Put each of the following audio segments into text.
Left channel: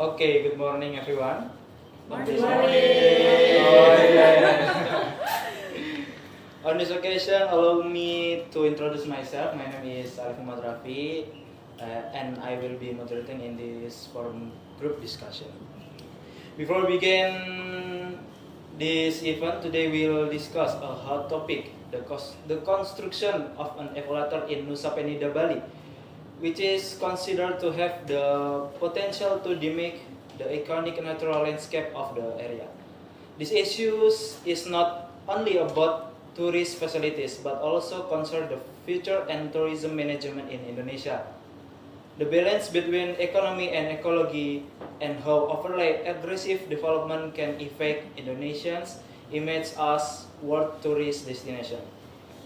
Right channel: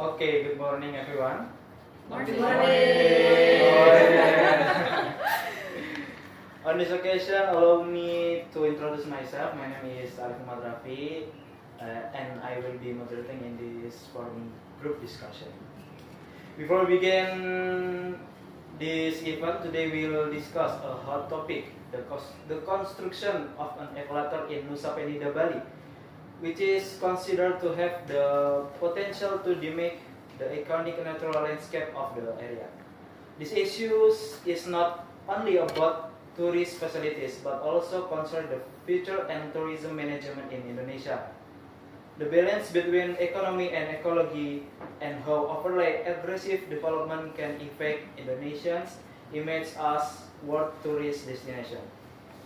Okay, good morning everyone. Morning. On this occasion, allow me to introduce myself. My name is Arif Muhammad Rafi, and I will be moderating in this forum group discussion. Before we begin this event, today we will discuss a hot topic, the construction of an equator in Nusa Penida, Bali, which is considered to have the potential to mimic the iconic natural landscape of the area. This issue is not only about tourist facilities but also concern the future and tourism management in Indonesia. The balance between economy and ecology and how overly aggressive development can affect Indonesians' image as world tourist destination.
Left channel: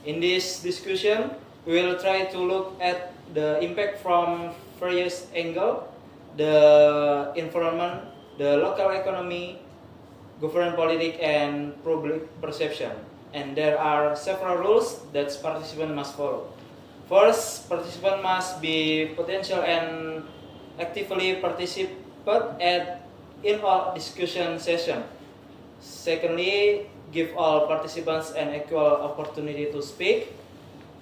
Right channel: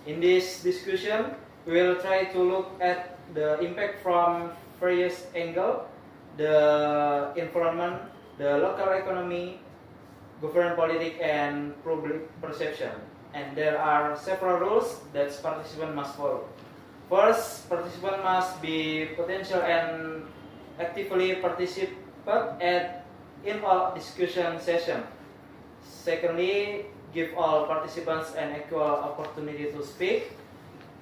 In this discussion, we will try to look at the impact from various angles: the environment, the local economy, government politics, and public perception. And there are several rules that participants must follow. First, participants must be potential and actively participate in all discussion session. Secondly, give all participants an equal opportunity to speak.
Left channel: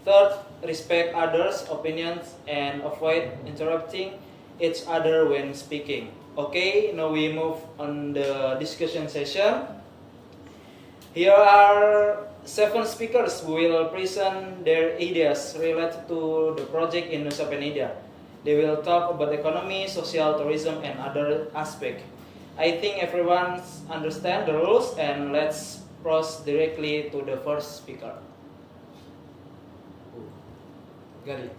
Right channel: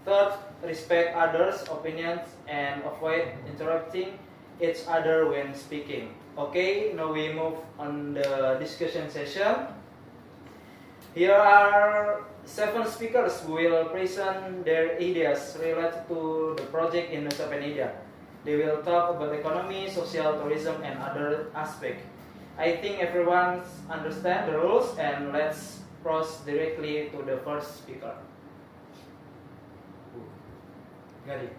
Third, respect others' opinions and avoid interrupting each other when speaking. Okay, now we move on the discussion session. Here are 7 speakers who will present their ideas related to the project in Nusa Penida. They will talk about economy, social, tourism, and other aspects. I think everyone understands the rules, and let's proceed directly to the first speaker. Gary.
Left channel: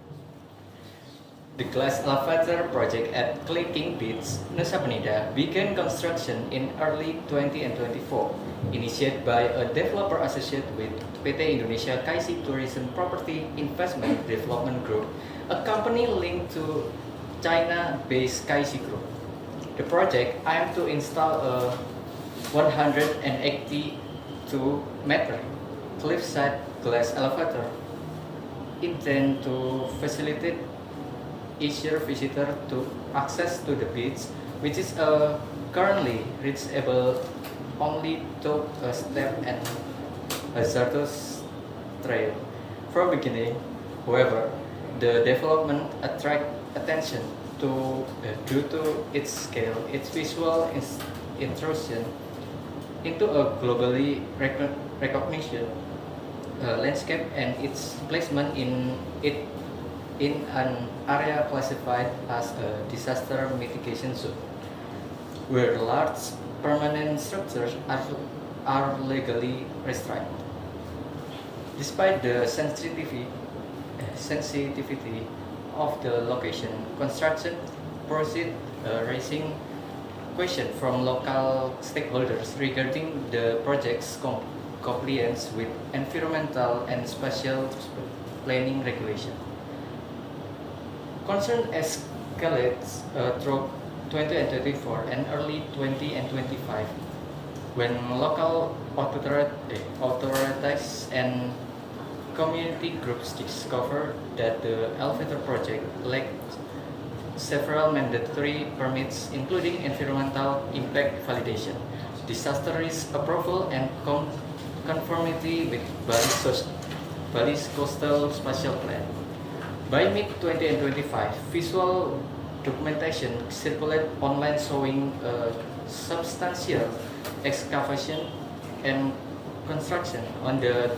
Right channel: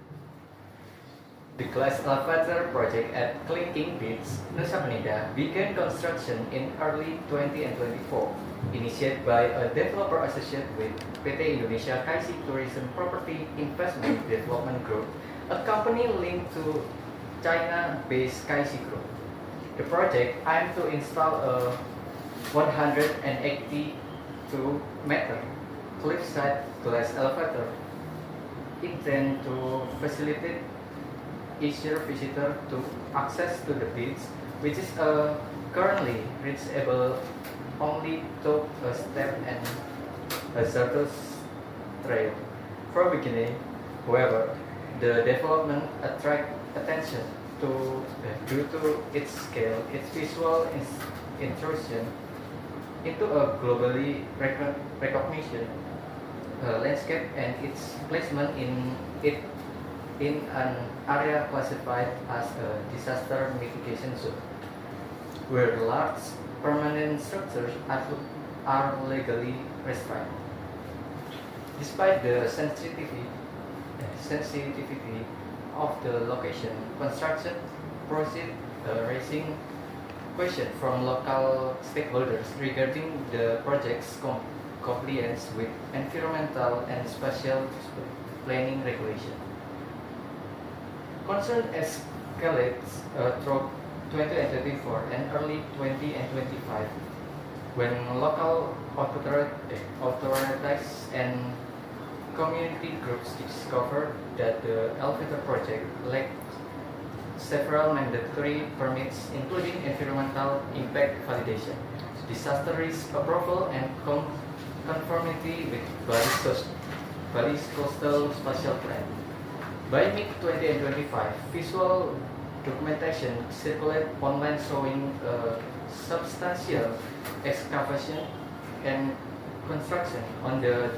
The glass elevator project at Clicking Beach, Nusa Penida, began construction in early 2024, initiated by a developer associated with PT Indonesia Kaisi Tourism Property Investment Development Group, a company linked to China-based Kaisi Group. The project aimed to install a 182-meter cliffside glass elevator intended to facilitate easier visitor to access to the beach, which is currently reachable only through a step and hazardous trail. For beginning, however, the development attract attention due to its scale, its visual intrusion into a globally recognized landscape, and its placement in an area classified as a disaster mitigation zone, where large permanent structures are legally restrained. Despite the sensitivity of the location, construction proceed raising questions from local stakeholders regarding the project's compliance with environmental and spatial planning regulation. Concern escalates through 2024 and early 2025 when local authorities and community groups discovered that the elevator project lacked several mandatory permits, including environmental impact validation, disaster risk approval, and conformity with Bali's coastal spatial plan. By mid-2025, visual documentation circulated online showing substantial excavation and construction on the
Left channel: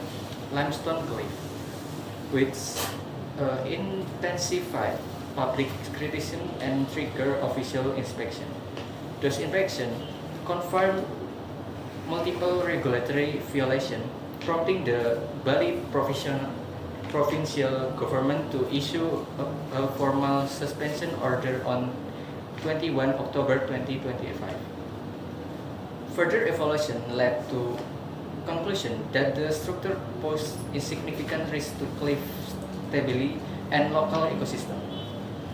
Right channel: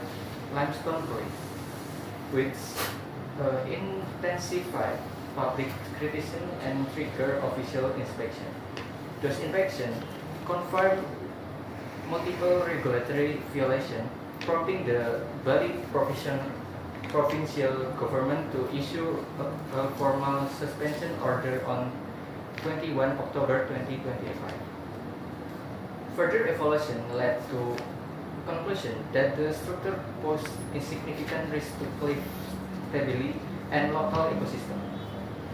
limestone cliff, which intensified public criticism and triggered official inspection. Those inspections confirmed multiple regulatory violations, prompting the Bali provincial government to issue a formal suspension order on 21 October 2025. Further evaluation led to conclusion that the structure posed a significant risk to cliff stability and local ecosystem,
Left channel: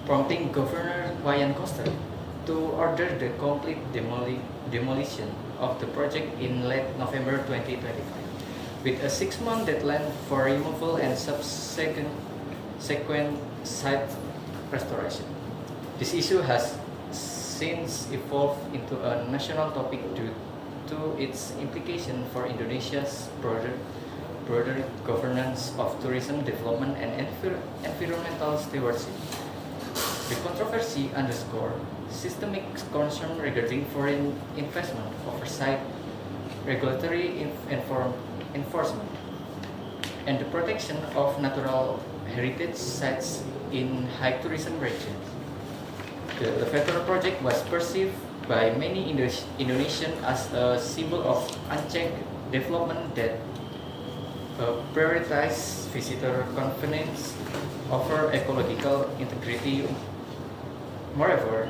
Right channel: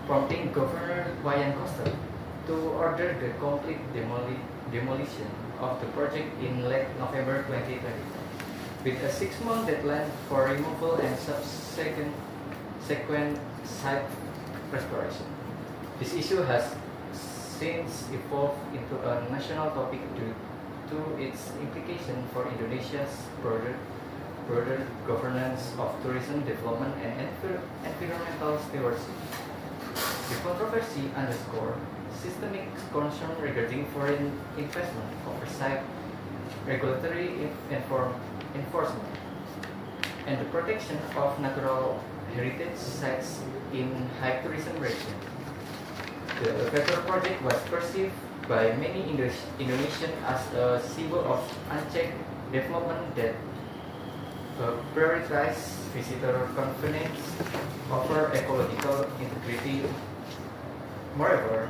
prompting Governor Wayan Koster to order the complete demolition of the project in late November 2025. With a 6-month deadline for removal and subsequent site restoration. This issue has since evolved into a national topic due to its implication for Indonesia's broader governance of tourism development and environmental stewardship. The controversy underscores systemic concern regarding foreign investment oversight, regulatory enforcement, and the protection of natural heritage sites in high tourism regions. The elevator project was perceived by many Indonesians as a symbol of unchecked development that prioritizes visitor convenience over ecological integrity. Moreover,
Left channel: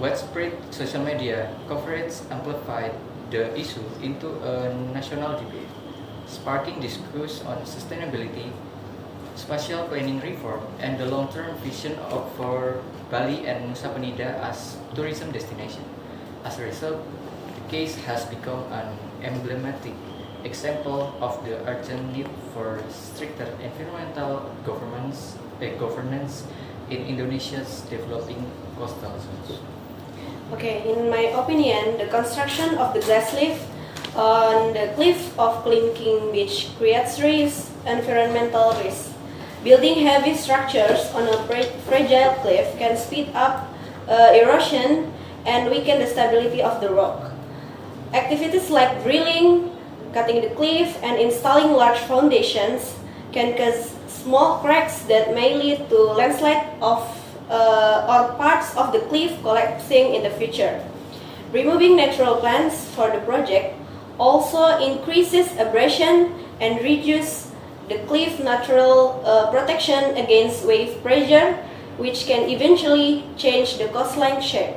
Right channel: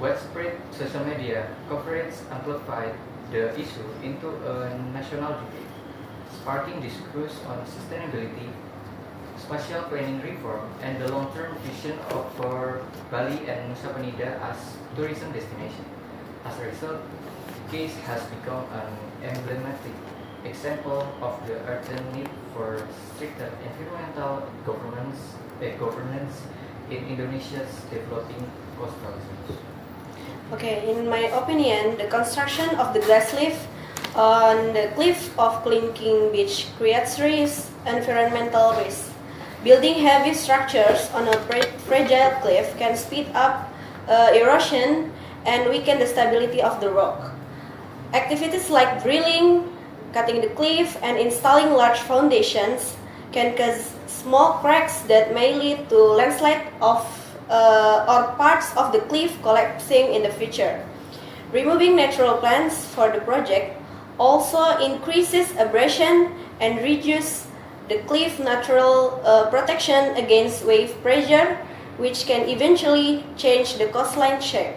widespread social media coverage amplified the issue into a national debate, sparking discourse on sustainability, spatial planning reform, and the long-term vision for Bali and Nusa Penida as tourism destination. As a result, the case has become an emblematic example of the urgent need for stricter environmental governance in Indonesia's developing coastal zones. Okay, in my opinion, the construction of the glass lift on the cliff of Klinking Beach creates environmental risk. Building heavy structures on a fragile cliff can speed up erosion and weaken the stability of the rock. Activities like drilling, cutting the cliff, and installing large foundations can cause small cracks that may lead to landslide or parts of the cliff collapsing in the future. Removing natural plants for the project also increases abrasion and reduces the cliff natural protection against wave pressure, which can eventually change the coastline shape.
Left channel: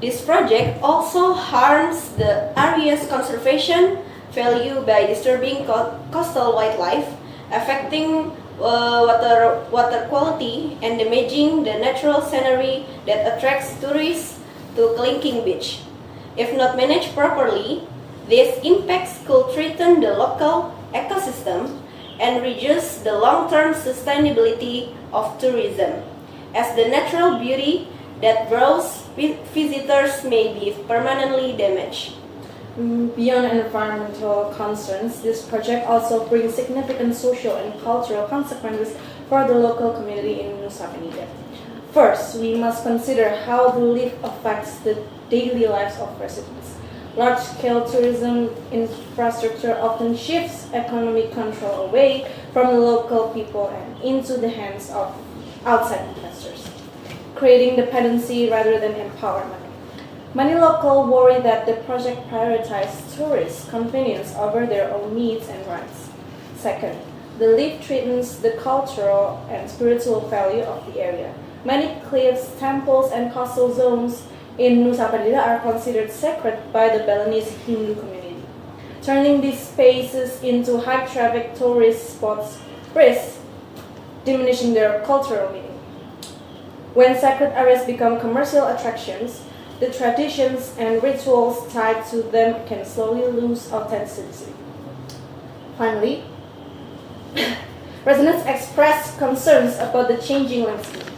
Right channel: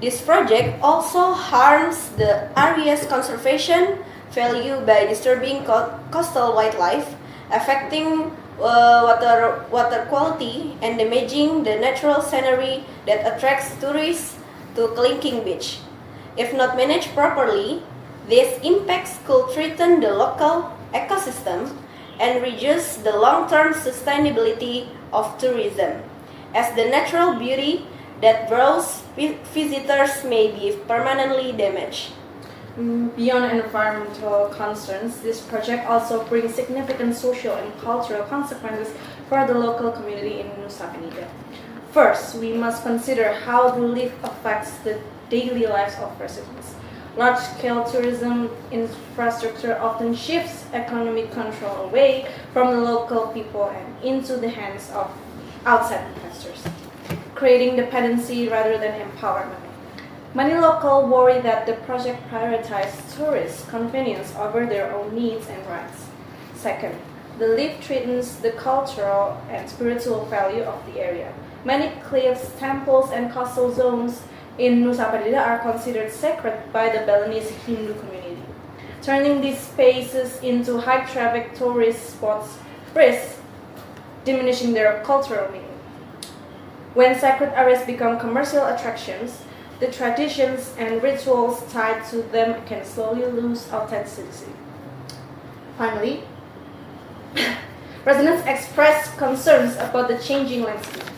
This project also harms the area's conservation value by disturbing coastal wildlife, affecting water quality, and damaging the natural scenery that attracts tourists to Klinking Beach. If not managed properly, these impacts could threaten the local ecosystem and reduce the long-term sustainability of tourism, as the natural beauty that draws visitors may be permanently damaged. Beyond environmental concerns, this project also brings significant social and cultural consequences for the local community in Nusa Penida. First, we must consider how the lift affects the daily lives of residents. Large-scale tourism infrastructure often shifts economic control away from the local people and into the hands of outside investors, creating dependency rather than empowerment. Many locals worry that the project prioritizes tourist convenience over their own needs and rights. Second, the lift threatens the cultural and spiritual value of the area. Many cliffs, temples, and coastal zones in Nusa Penida are considered sacred by the Balinese Hindu community. Turning these spaces into high-traffic tourist spots risks diminishing their cultural meaning. When sacred areas become commercial attractions, the traditions and rituals tied to them can slowly lose authenticity. Finally, residents expressed concerns about the changing landscape.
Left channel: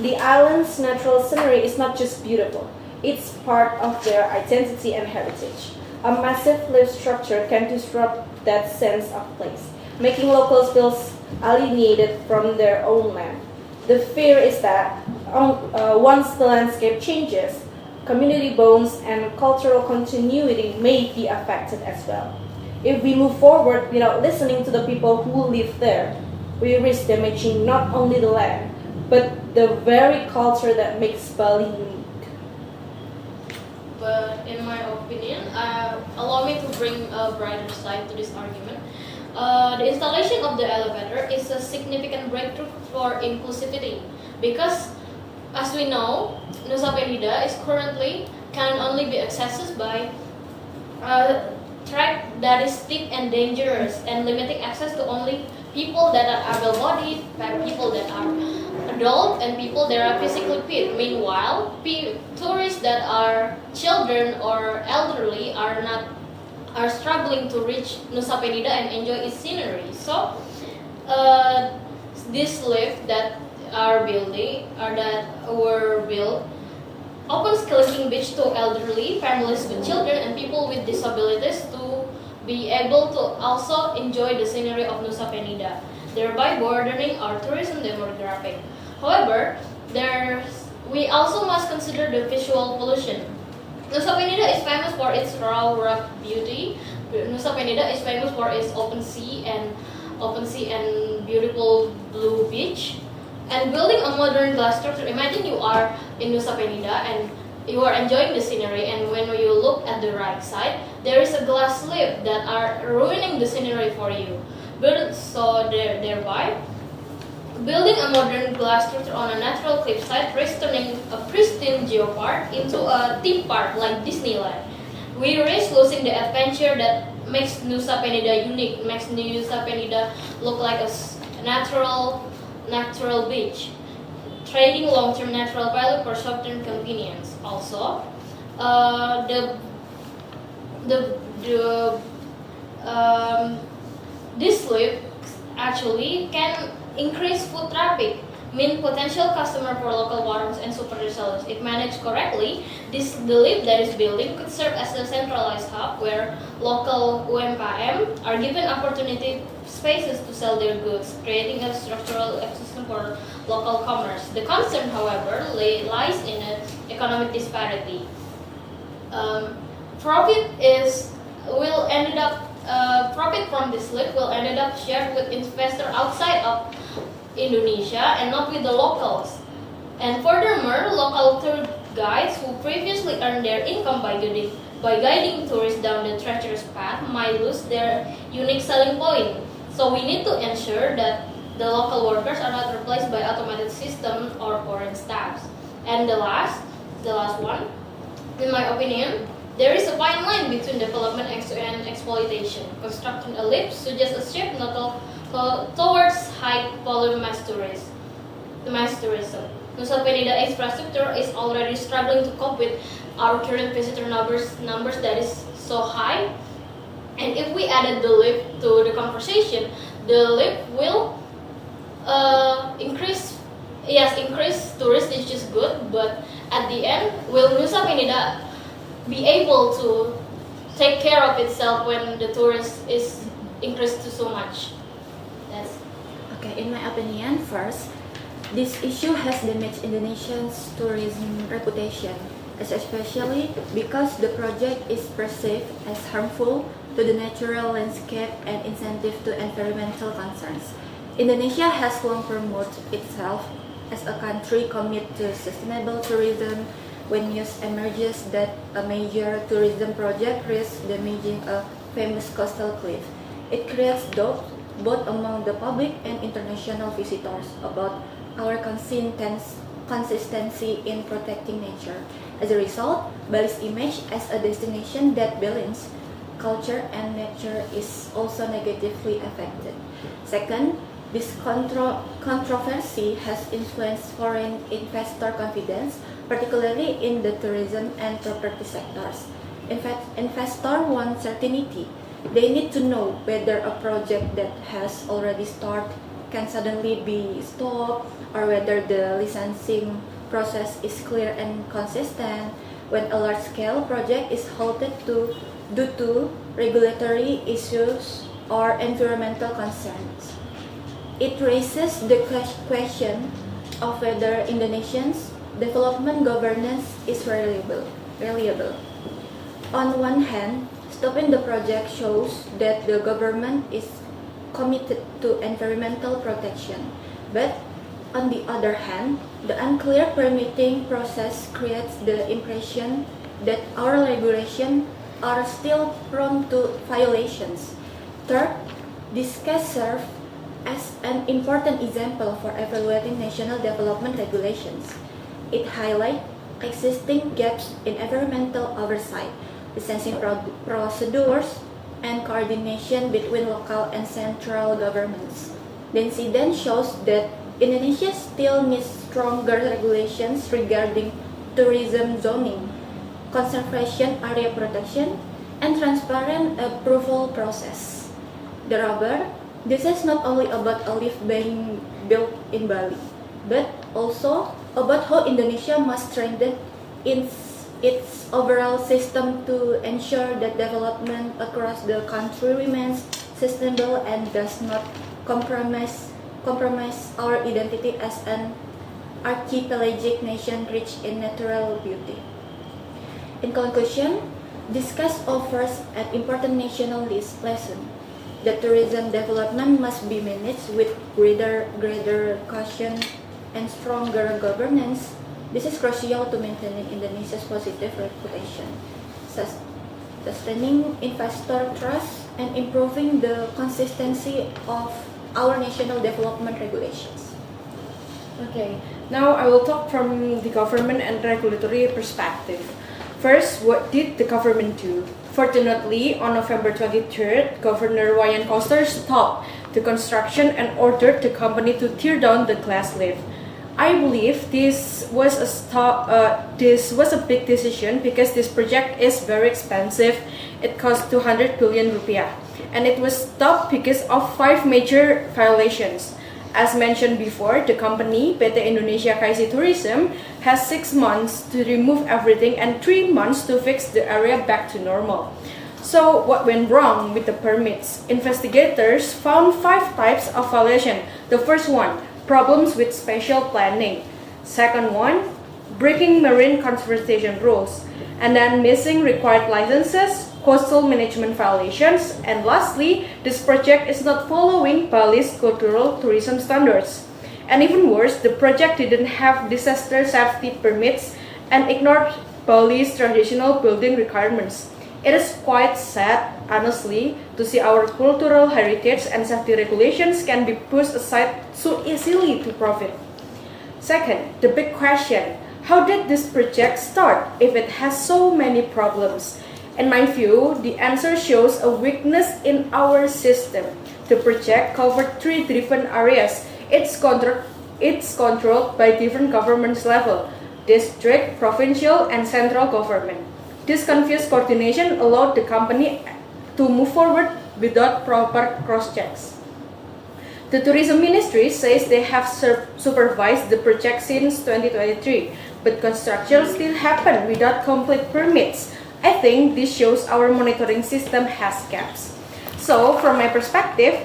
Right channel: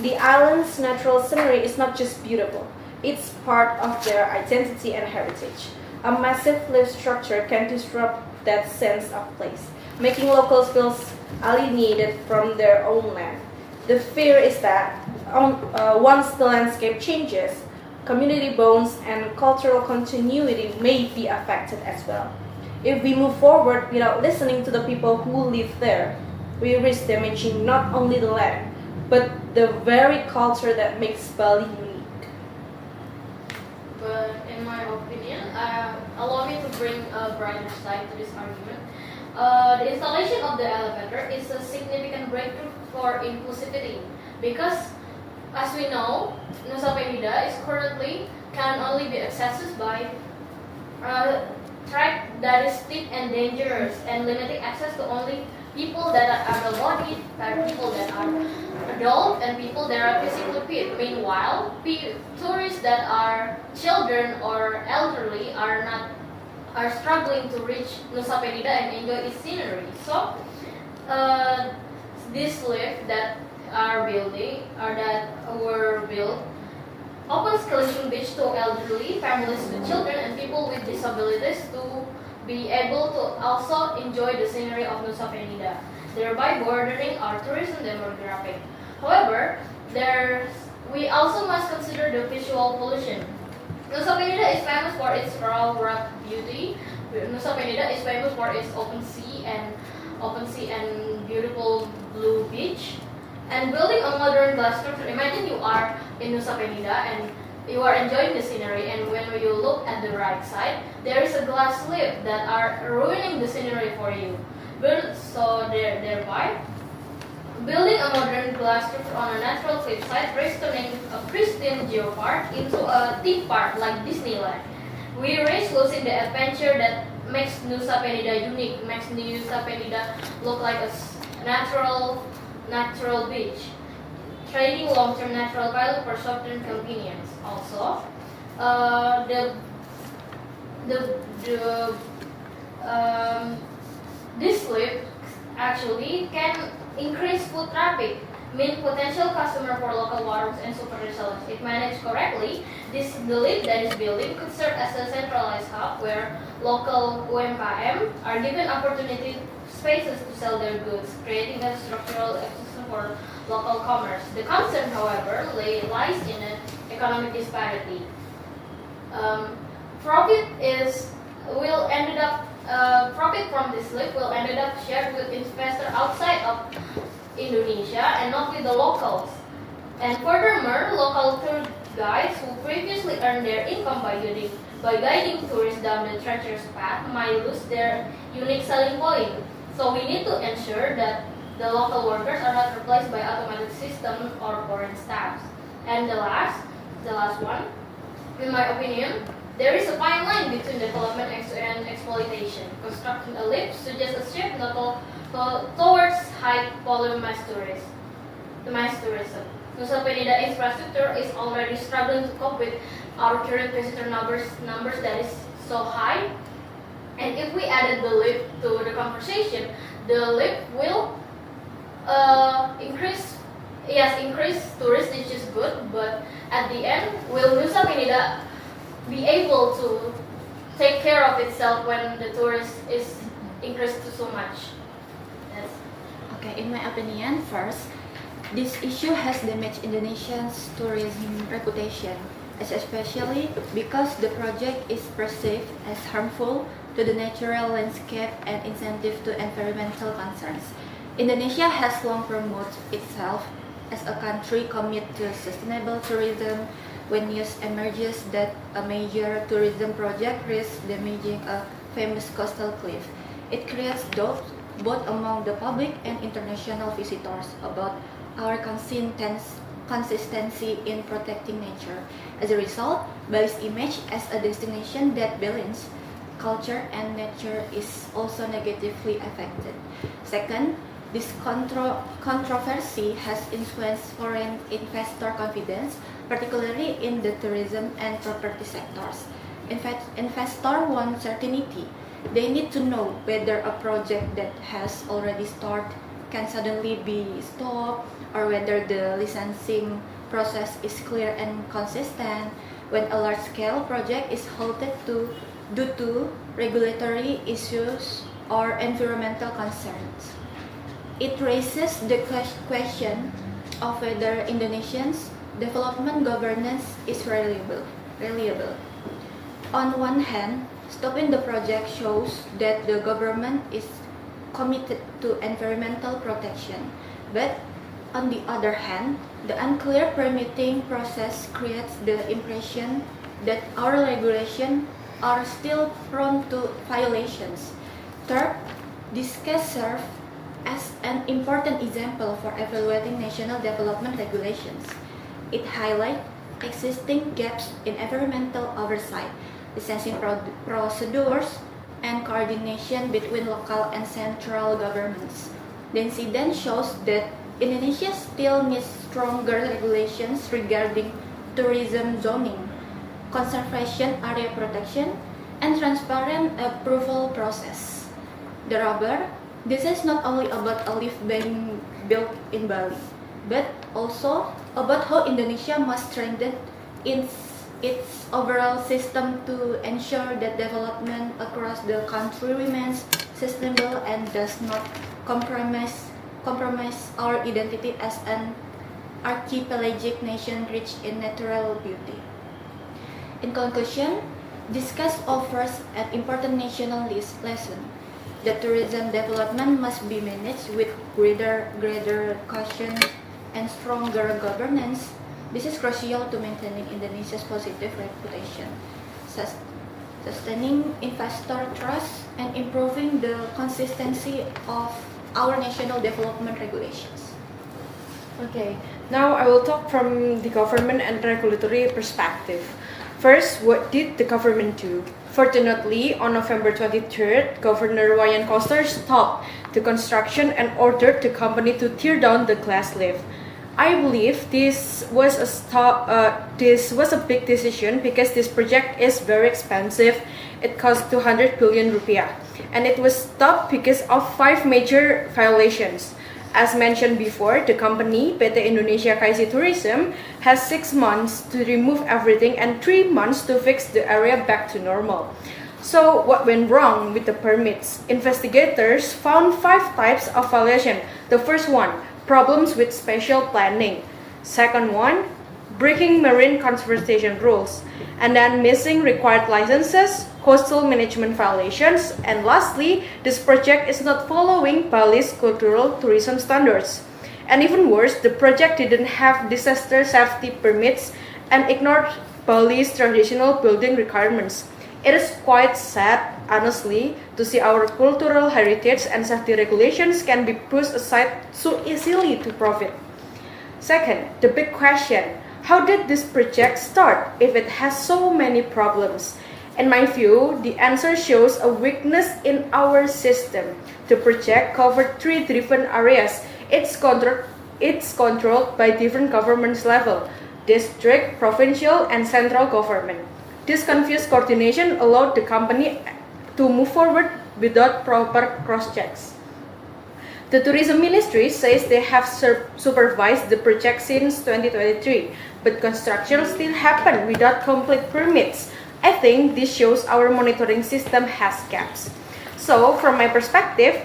The island's natural scenery is not just beautiful, it's part of their identity and heritage. A massive lift structure can disrupt that sense of place, making locals feel alienated from their own land. The fear is that once the landscape changes, community bonds and cultural continuity may be affected as well. If we move forward without listening to the people who live there, we risk damaging not only the land, but the very culture that makes Bali unique. But in my opinion, allow me to bring a brighter side to this argument. The installation of the elevator is a significant breakthrough for inclusivity because, as we know, Nusa Penida is currently can only be accessed by a track that is steep and dangerous and limiting access to only people that are able-bodied, people that are adult, and people that are physically fit. Meanwhile, tourists that are children or elderly are struggling to reach Nusa Penida and enjoy its scenery. So, this lift that that were built opens Kelingking Beach to elderly, families with children, and people with disabilities to be able to also enjoy the scenery of Nusa Penida, thereby broadening our tourism demographic. However, we also must consider the visual pollution. Nusa Penida is famous for its raw rock beauty. Nusa Penida is famous for its open sea and beautiful blue beach. And building a modern glass structure, imagine you are in Nusa Penida and you are enjoying the scenery, and when you look at the right side, there is a glass slip that are ruining the scenery for you. Thereby, building a modern glass structure on a natural cliffside, turning a pristine geopark into a theme park like Disneyland. We risk losing the adventure that makes Nusa Penida unique, makes Nusa Penida look like a natural beach, trading long-term natural value for short-term convenience. Also, this slip actually can increase foot traffic, mean potential customer for local farms and super resellers. If managed correctly, the lift that is building could serve as a centralized hub where local UMKM are given opportunity spaces to sell their goods, creating a structural ecosystem for local commerce. The concern, however, lies in an economic disparity. Profit from this lift will end up shared with investors outside of Indonesia and not with the locals. And furthermore, local tour guides who previously earned their income by guiding tourists down the treacherous path might lose their unique selling point. So we need to ensure that the local workers are not replaced by automated system or foreign staffs. And the last one, in my opinion, there is a fine line between development and exploitation. Constructing a lift suggests a shift towards high volume mass tourism. Nusa Penida infrastructure is already struggling to cope with our current visitor numbers that is so high. And if we added the lift to the conversation, the lift will increase tourists, which is good, but at the end, will Nusa Penida be able to take care of itself when the tourist is increased to so much? Yes. Okay, in my opinion, first, this issue has damaged Indonesia's tourism reputation, especially because the project is perceived as harmful to the natural landscape and insensitive to environmental concerns. Indonesia has long promoted itself as a country committed to sustainable tourism. When news emerges that a major tourism project risks damaging a famous coastal cliff, it creates doubt both among the public and international visitors about our consistency in protecting nature. As a result, Bali's image as a destination that balances culture and nature is also negatively affected. Second, this controversy has influenced foreign investor confidence, particularly in the tourism and property sectors. In fact, investors want certainty. They need to know whether a project that has already started can suddenly be stopped, or whether the licensing process is clear and consistent. When a large-scale project is halted due to regulatory issues or environmental concerns, it raises the question of whether Indonesia's development governance is reliable. On one hand, stopping the project shows that the government is committed to environmental protection, but on the other hand, the unclear permitting process creates the impression that our regulations are still prone to violations. Third, this case serves as an important example for evaluating national development regulations. It highlights existing gaps in environmental oversight, licensing procedures, and coordination between local and central governments. The incident shows that Indonesia still needs stronger regulations regarding tourism zoning, conservation area protection, and transparent approval process. Moreover, this is not only about a lift being built in Bali. but also about how Indonesia must strengthen its overall system to ensure that development across the country remains sustainable and does not compromise our identity as an archipelagic nation rich in natural beauty. In conclusion, discuss offers an important national lesson that tourism development must be managed with greater caution and stronger governance. This is crucial to maintaining Indonesia's positive reputation, sustaining investor trust, and improving the consistency of our national development regulations. Okay, now I will talk from the government and regulatory perspective. First, what did the government do? Fortunately, on November 23rd, Governor Wayan Koster stopped the construction and ordered the company to tear down the glass lift. I believe this was a big decision because this project is very expensive. It cost 200 billion rupiah, and it was stopped because of 5 major violations. As mentioned before, the company, PT Indonesia KAISI Tourism, has 6 months to remove everything and 3 months to fix the area back to normal. So, what went wrong with the permits? Investigators found 5 types of violation. The first one, problems with spatial planning. Second one, breaking marine conservation rules. And then missing required licenses, coastal management violations, and lastly, this project is not following Bali's cultural tourism standards. And even worse, the project didn't have disaster safety permits and ignored Bali's traditional building requirements. It is quite sad, honestly, to see our cultural heritage and safety regulations can be pushed aside so easily to profit. Second, the big question, how did this project start if it has so many problems? In my view, the answer shows a weakness in our system. The project covered 3 different areas. It's controlled by different government levels: district, provincial, and central government. This confused coordination allowed the company to move forward without proper cross-checks. The Tourism Ministry says they have supervised the project since 2023, but construction still happened without complete permits. I think this shows our monitoring system has gaps. So, from my perspective,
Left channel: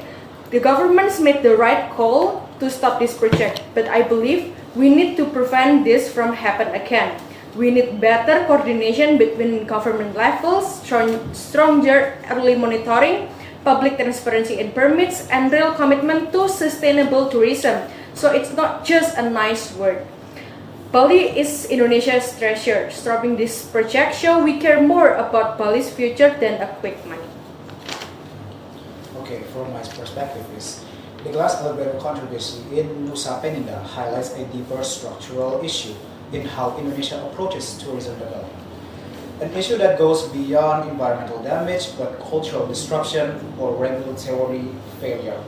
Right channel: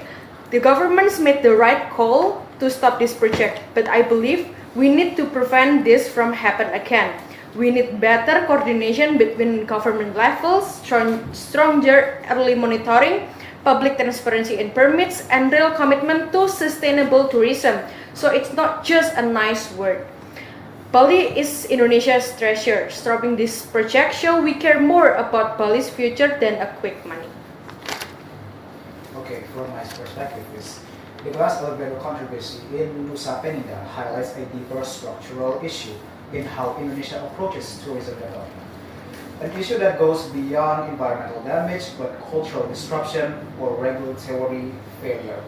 the governments made the right call to stop this project, but I believe we need to prevent this from happening again. We need better coordination between government levels, stronger early monitoring, public transparency in permits, and real commitment to sustainable tourism. So it's not just a nice word. Bali is Indonesia's treasure. Stopping this project show we care more about Bali's future than a quick money. Okay, from my perspective is the glass elevator controversy in Nusa Penida highlights a deeper structural issue in how Indonesia approaches tourism development. An issue that goes beyond environmental damage but cultural disruption or regulatory failure.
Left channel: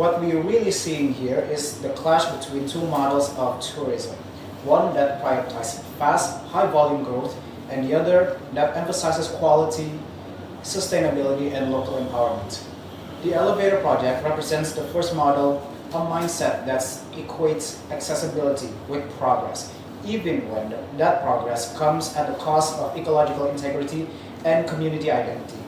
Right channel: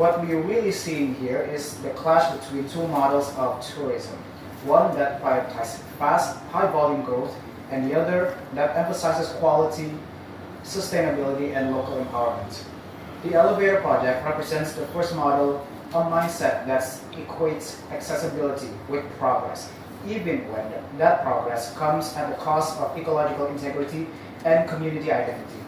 What we're really seeing here is the clash between 2 models of tourism. One that prioritizes fast, high-volume growth, and the other that emphasizes quality, sustainability, and local empowerment. The elevator project represents the first model, a mindset that equates accessibility with progress, even when that progress comes at the cost of ecological integrity and community identity.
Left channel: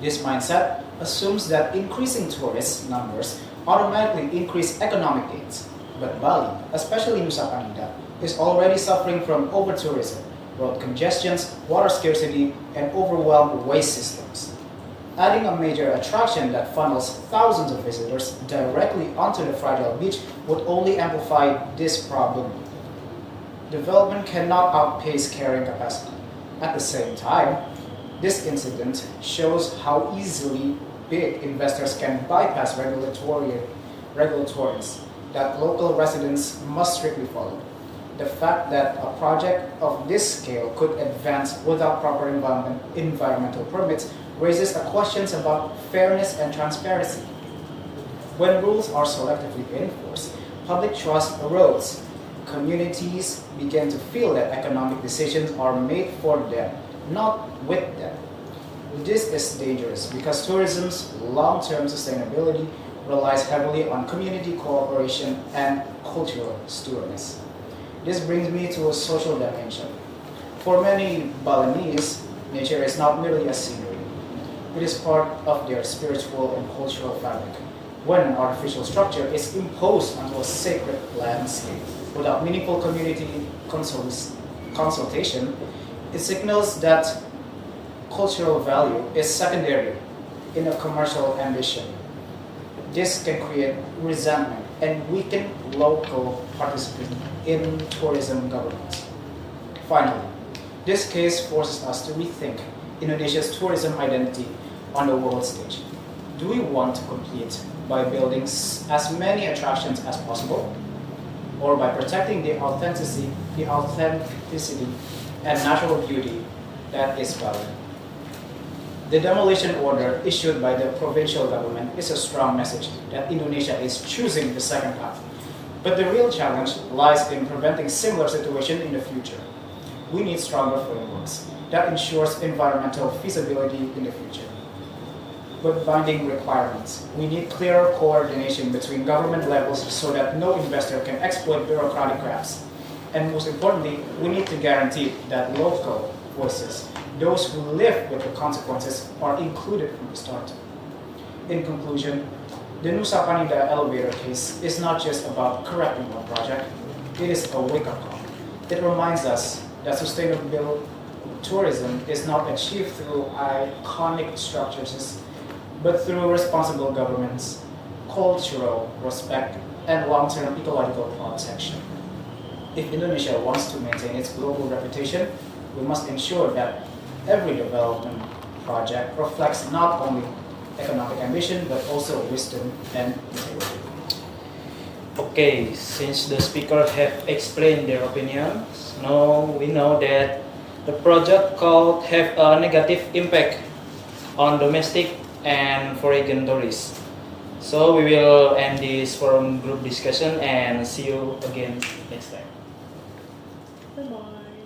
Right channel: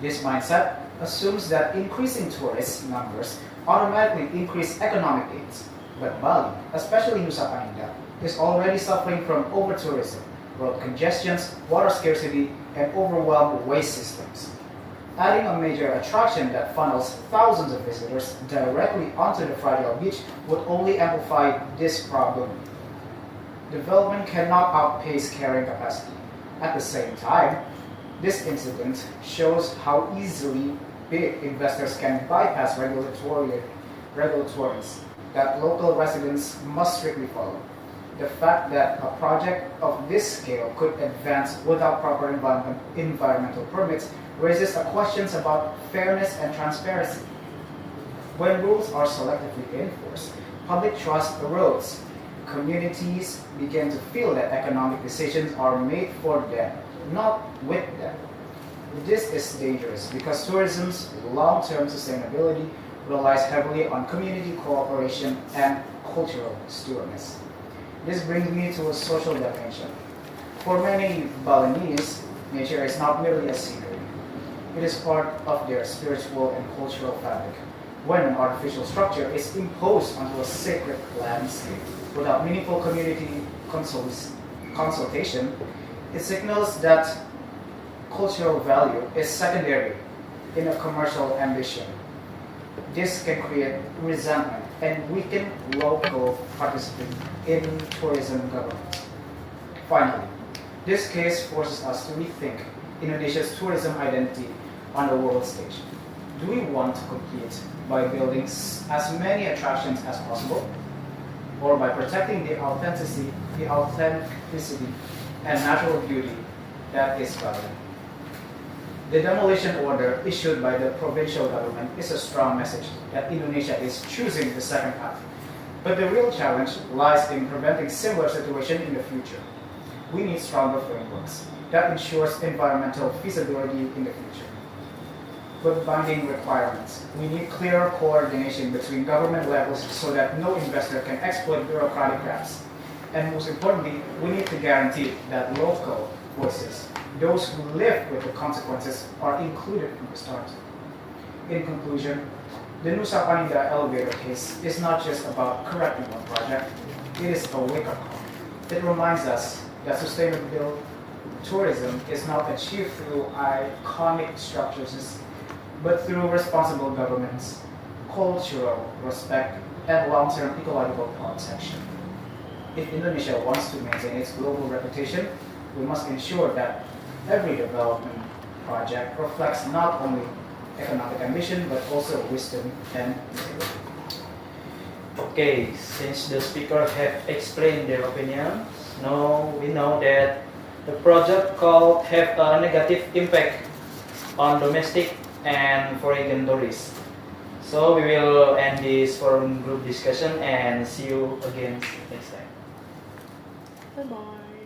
This mindset assumes that increasing tourist numbers automatically increase economic gains. But Bali, especially Nusa Penida, is already suffering from over-tourism, road congestions, water scarcity, and overwhelmed waste systems. Adding a major attraction that funnels thousands of visitors directly onto the fragile beach would only amplify this problem. Development cannot outpace carrying capacity. At the same time, this incident shows how easily big investors can bypass regulatories that local residents must strictly follow. The fact that a project of this scale could advance without proper environmental permits raises questions about fairness and transparency. When rules are selectively enforced, public trust erodes. Communities begin to feel that economic decisions are made for them, not with them. This is dangerous because tourism's long-term sustainability relies heavily on community cooperation and cultural stewardess. This brings me to a social dimension. For many Balinese, nature is not merely a scenery. It is part of their spiritual and cultural fabric. When an artificial structure is imposed onto a sacred landscape without meaningful community consultation, it signals that cultural value is secondary in a commercial ambition. This can create resentment and weaken local participation in tourism governance. Finally, this case forces us to rethink Indonesia's tourism identity on the world stage. Do we want to compete by building as many attractions as possible, or by protecting the authenticity and natural beauty that is Bali? The demolition order issued by the provincial government is a strong message that Indonesia is choosing the second path. But the real challenge lies in preventing similar situations in the future. We need stronger frameworks that ensures environmental feasibility in the future. With binding requirements, we need clearer coordination between government levels so that no investor can exploit bureaucratic gaps. And most importantly, we need to guarantee that local voices, those who live with the consequences, are included from the start. In conclusion, the Nusa Penida elevator case is not just about correcting one project, it is a wake-up call. It reminds us that sustainable tourism is not achieved through iconic structures, but through responsible governance, cultural respect, and long-term ecological protection. If Indonesia wants to maintain its global reputation, we must ensure that every development project reflects not only economic ambition, but also wisdom and integrity. Okay, since the speaker have explained their opinions, now we know that the project could have a negative impact on domestic and foreign tourists. So we will end this forum group discussion and see you again next time. Bye-bye.